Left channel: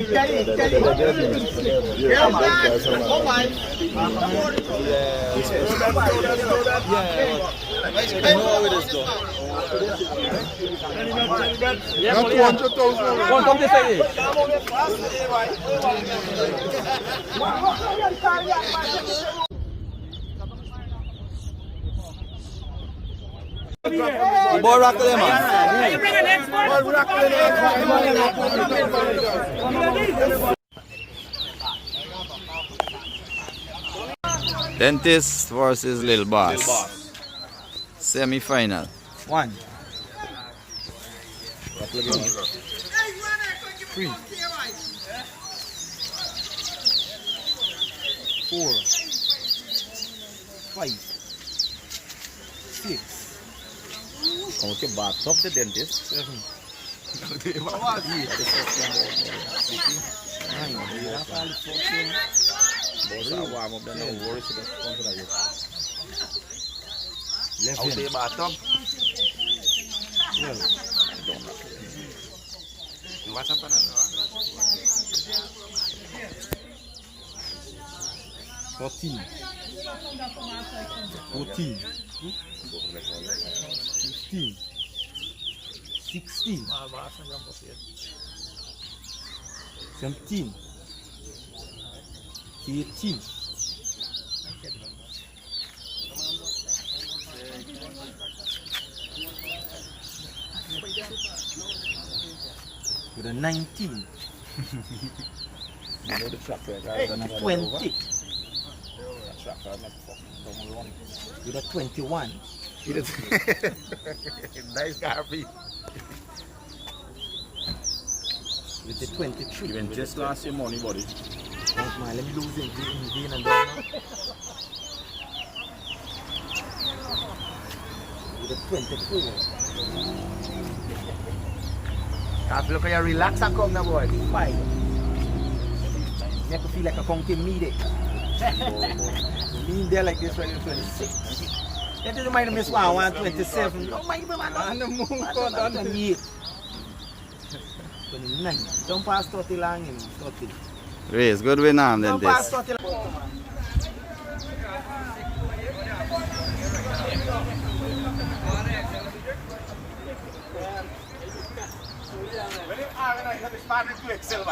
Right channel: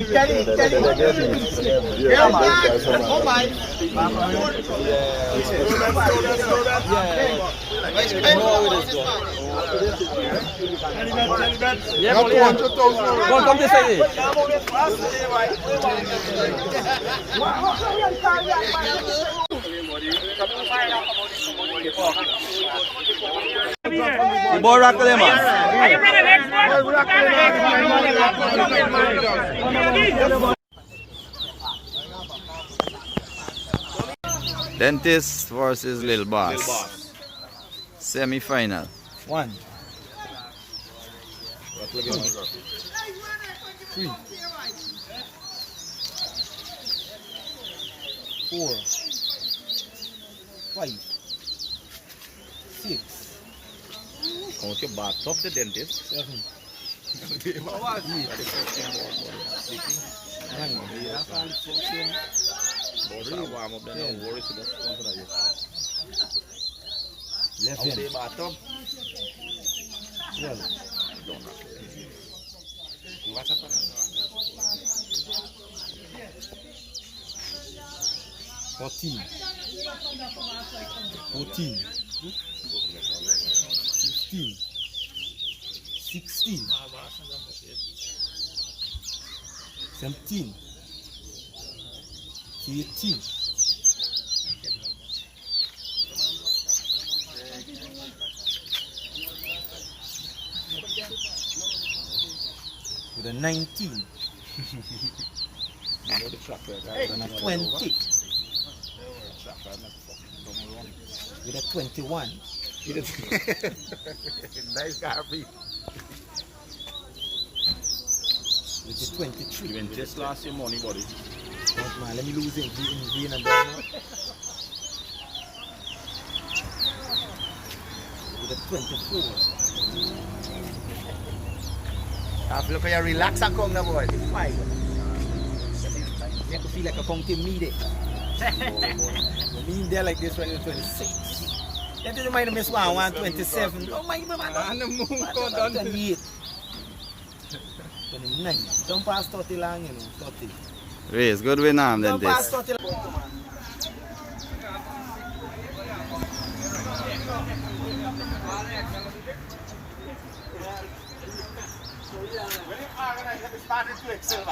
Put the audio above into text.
Yeah, man. Come on. Not 200,000. Don't come this way. The boy rock them, man. Dentist versus Lil Boss. Semi-final. One. 3. 4. 5. 6. Okay, bath of the dentist. 7. 14. 15. 16. 17. 18. 19. 20. With a 21. Nice Garby. With the 23. You went just last your money, buddy. Wait, man, let me lose it in vain and then. With a 24. Look at you relax and come now, boy. 5. Make me feel like a counting me there. Me there like this when you're 26. That doesn't mind me, 127. Oh my God, 28. 29. Don't pass 30 long, you know. 30. Race, good win arm Don't pass dentist. 30 long. Started to excel,